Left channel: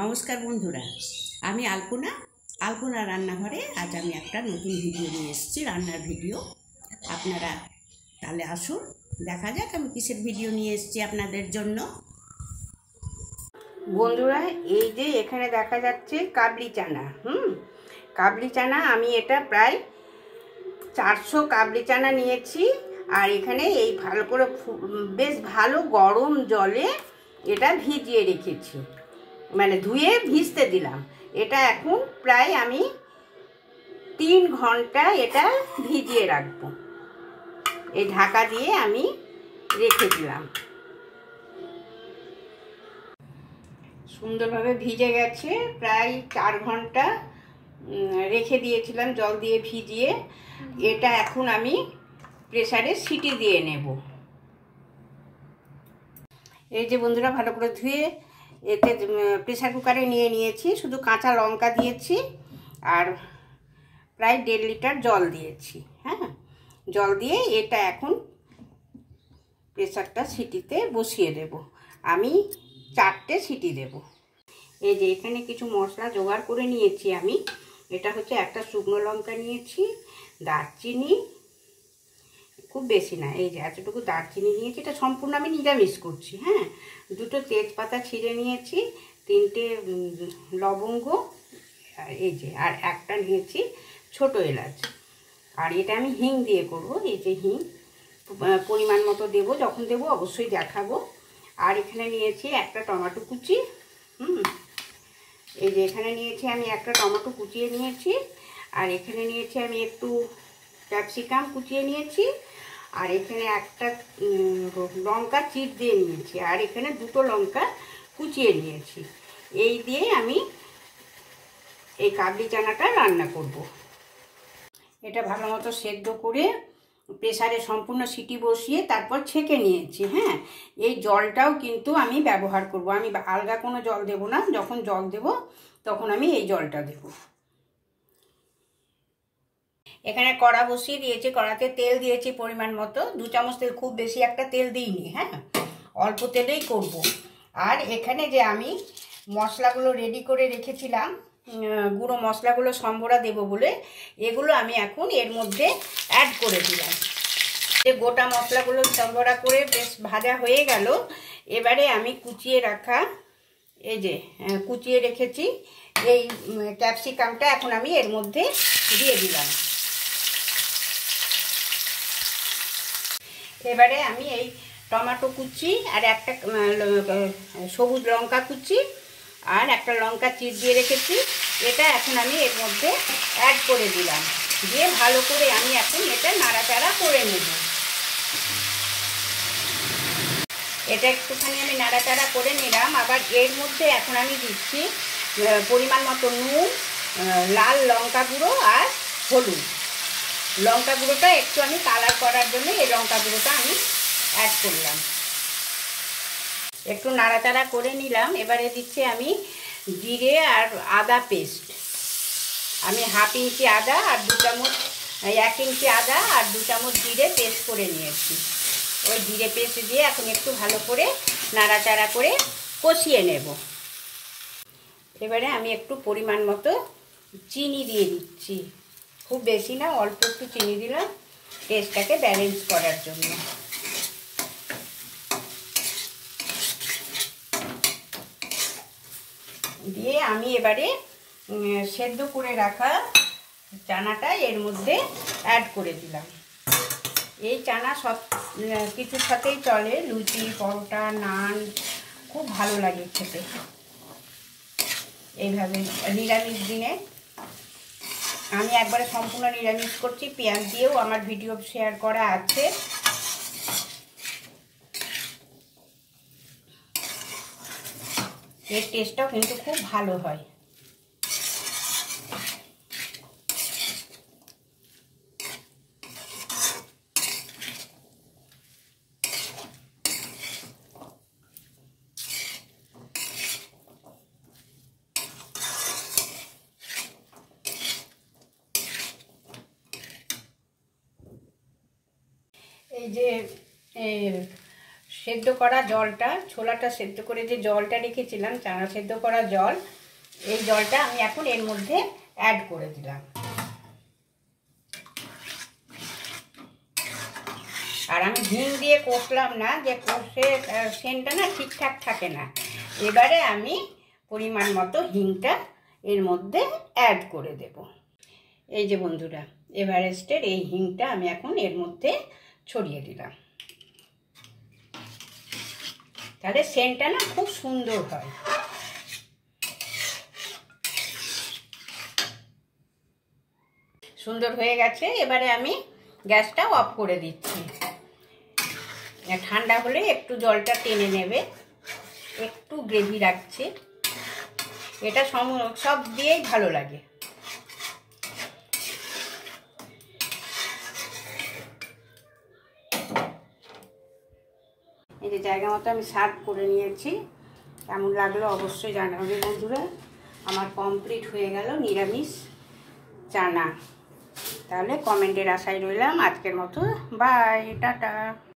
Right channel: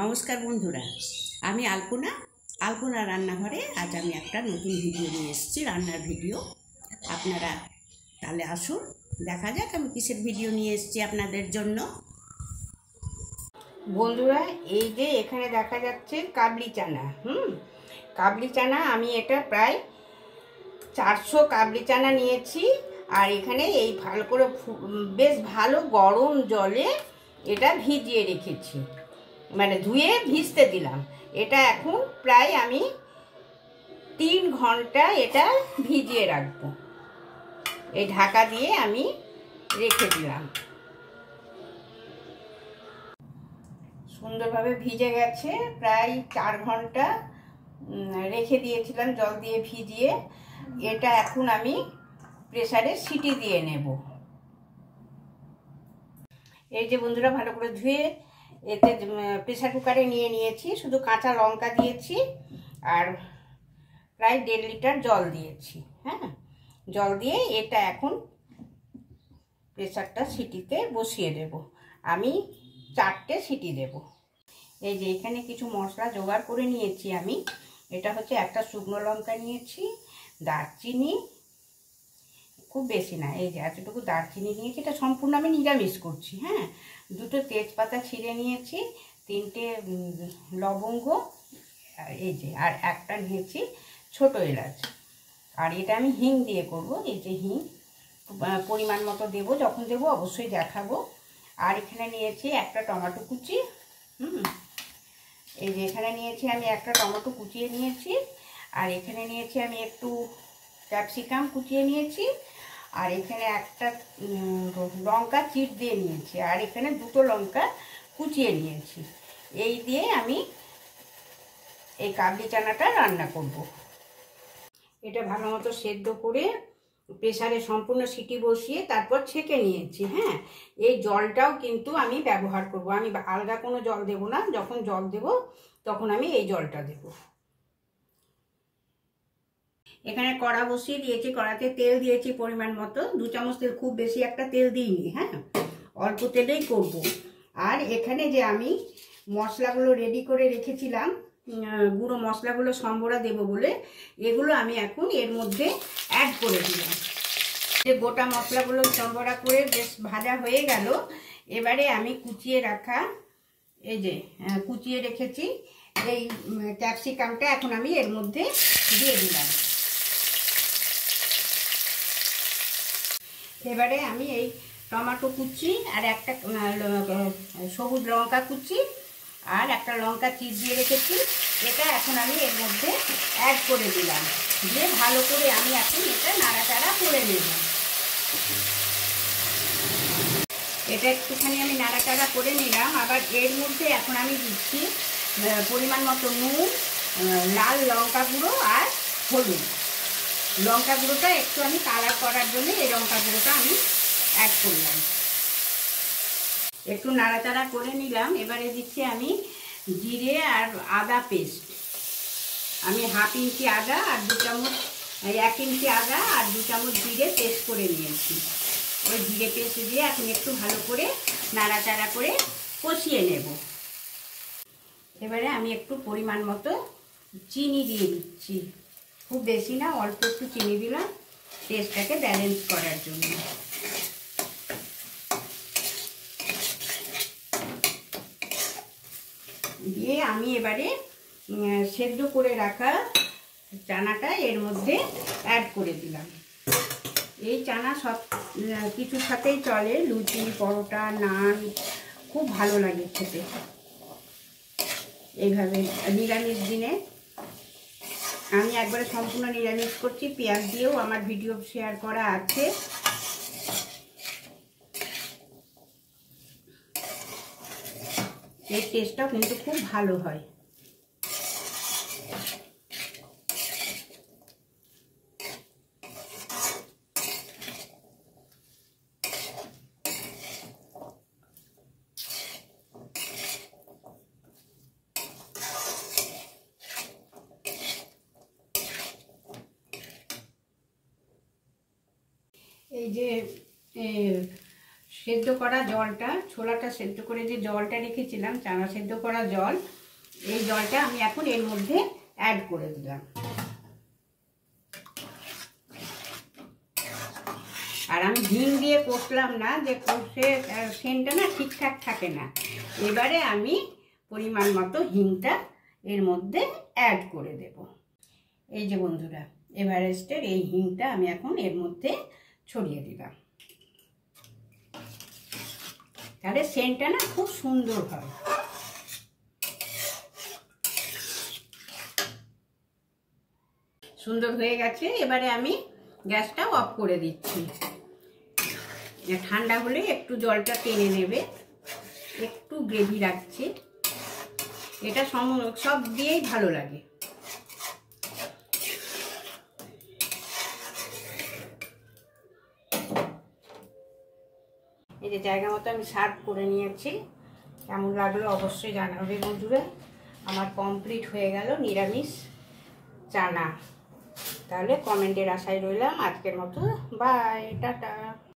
নমস্কার বন্ধুরা, আমি আলপনা রান্নাঘরে আজ আমি একটা নতুন ভিডিও নিয়ে এসেছি, রান্নার ভিডিও। আপনারা তাহলে আসুন, দেখা যাক আমি কিসের ভিডিও নিয়ে এসেছি আপনাদের জন্য। বন্ধুরা, এই যে এখানে দেখা যাচ্ছে কাবলি চানা। কাবলি চানা আমি এটা প্রায় 400 কাবলি চানা নিয়েছি। আর এখানে এই ভালো করে বেশ ভালো গরম জলে এটা ভিজিয়ে রেখেছি, মানে ধুয়ে ভিজতে দিলাম। এটা এখন প্রায় আমি 3 ঘন্টা এটা ভিজিয়ে রাখবো। এই ঢাকা দিয়ে আমি রেখে দিলাম। সুন্দরভাবে ভিজে গেছে, প্রায় 4 ঘন্টা রেখে দিয়েছিলাম জল দিয়ে ভিজিয়ে। এটা এখন আমি প্রেসারে সিটি দিয়ে নেব। এই যে বন্ধুরা, ভালো করে ধুয়ে এতে প্রেসার কুকারে নিয়ে নিয়েছি। শুধু কাঁচা লঙ্কা দিয়েছি আর প্রায় 1.5 লিটার জল দিয়েছি। জল দিয়ে এটা এখন প্রেসারটা সিটিতে বসিয়ে দেব। আমি 4টে সিটি দেব। এই যে এখানে কিছু মশলা জোগাড় করে নিয়েছি আমি। এটা হচ্ছে একটা শুকনো লঙ্কা নিয়েছি, দারচিনি, খুব বেশি না, এই যে এতটুকু দারচিনি নিয়েছি। এটা সম্পূর্ণ আমি নিরামিষ করছি। 2টো তেজপাতা ছিঁড়ে নিয়েছি, 3টে লবঙ্গ, এই যে আর একটা নিয়েছি ছোট এলাচ। আর এটা আমি হিং দিয়ে করব। এই যে হিং পরিমাণ মতো দেবো, যখন দেবো অবশ্যই দেখাবো। আর এখানে নিয়েছি একটা টমেটো কুচি। এই যে এখানে নিয়েছি আমি একটা টমেটো কুচিয়ে নিয়েছি। আর এখানে নিয়েছি আমি একটু ক্যাপসিকাম কুচিয়ে নিয়েছি। আর এখানে একটা লঙ্কা চিপ দিয়ে নিয়েছি। আর এখানে 2টো লঙ্কা কুচিয়ে নিয়েছি। এই দিয়ে আমি এই কাবলি চানাটা রান্না করব। এটা ভালো মতো সেদ্ধ করে প্রেসারে সম্পূর্ণ সিটি বসিয়ে তারপর ছেঁকে নিয়েছি। এই জলটাও কিন্তু আমি ব্যবহার করব। আমি আলগা কোনো জল দেব না, যখন জল দেব তখন আমি এই জলটা দেব। এখানে কড়া বসিয়ে দিয়েছি, কড়াতে তেল দিয়েছি পরিমাণ মতো, 2 চামচ তেল, খুব বেশি একটা তেল দিইনি। অল্প তেলেই করব। আর এখানে যে আমি মশলাগুলো রেডি করে রেখেছিলাম, গুঁড়ো মশলাগুলো সম্বরা দেব বলে, এগুলো আমি এখন এর মধ্যে অ্যাড করে দিলাম। যে গোটা মশলাগুলো সম্বরা করে বেশ ভাজা হয়ে গেল। এবারে আমি কুচিয়ে রাখা, এই যে কুচিয়ে রেখেছি এই ক্যাপসিকামটা এখন আমি এর মধ্যে দিয়ে দিলাম। এবারে আমি এই টমেটো কুচি আর একটা সবুজ লঙ্কা কুচি আর একটা লঙ্কা চিপ দিয়ে রেখেছি, এটা এখন আমি এর মধ্যে অ্যাড করে দিলাম। দিয়ে ভালো করে আমি এখন এটা নাড়াচাড়া করে নেব। এটা একটুখানি আমি নাড়াচাড়া করে নিলাম। আবার এর মধ্যে এখন আমি দিচ্ছি পরিমাণ মতো নুন, লাল লঙ্কা গুঁড়ো আর হলুদ। লঙ্কা গুঁড়োটা একটু আমি কালার করার জন্য এই লঙ্কা গুঁড়োটা আমি অ্যাড করলাম। একটু নাড়াচাড়া করে নিলাম। এবারে দিচ্ছি আমি জিরে আর আদা পেস্ট। আমি 1/2 ইঞ্চি আদা আর 2 চামচ, 1 ইঞ্চি আদা আর 2 চামচ জিরে পেস্ট করে নিয়েছি। ওই জিরে পেস্ট দিয়ে এখন একটু ভালো করে নাড়াচাড়া করে কষিয়ে নেব। এবারে আমি একটু পরিমাণ মতো চিনি দিয়ে দিচ্ছি, খুব বেশি না, অল্প একটু চিনি দিলাম টেস্টটাকে ব্যালেন্স করার জন্য। দিয়ে আমি এবারে সেদ্ধ করে রাখা চানাটা এর মধ্যে অ্যাড করে দিলাম। এই চানা সব কিছুর সাথেই চলে, লুচি, পরোটা, নান, খুব ভালো লাগে খেতে এইভাবে নিরামিষ দিনে। আমি একবারে সম্পূর্ণ নিরামিষ করছি, পেঁয়াজ দিয়েও আমার ভিডিও শেয়ার করা আছে। এর টেস্টটাও কিন্তু খুব ভালো হয়। এই যে সেদ্ধ করা জলটা, ছোলাটা সেদ্ধ করে যে জলটা রেখেছিলাম, চানা সেদ্ধ করা জল, এই জলটা আমি এখন এর মধ্যে অ্যাড করে দিলাম। আর আমি হিং দিয়ে কষলাম না, যে কষে সেন্টটা না ঠিকঠাক থাকে না। এবারে আমি পরিমাণ মতো হিংটা এর মধ্যে অ্যাড করে দেব। এই যে বন্ধুরা, এভারেস্টের এই হিংটা আমি এখন এর মধ্যে ছড়িয়ে দিলাম। তাহলে সেন্টটা না খুব সুন্দর হয়। সুন্দর হয়ে গেছে। এবারে আমি গ্যাসটা অফ করে দিচ্ছি। ঠান্ডা হলে একটু জলটা টেনে নেবে, একটু গ্রেভি রাখছে। এটা সব দিয়েই ভালো লাগে। এই যে জায়গা মতো আমি সার্ভ করে নিয়েছি। কেমন লাগলো অবশ্যই জানাবে বন্ধুরা। আমার কমপ্লিট হয়ে গেল নিরামিষ চানা। তাহলে কমেন্টের আশায় রইলাম। আজকের মতো বাই, টাটা।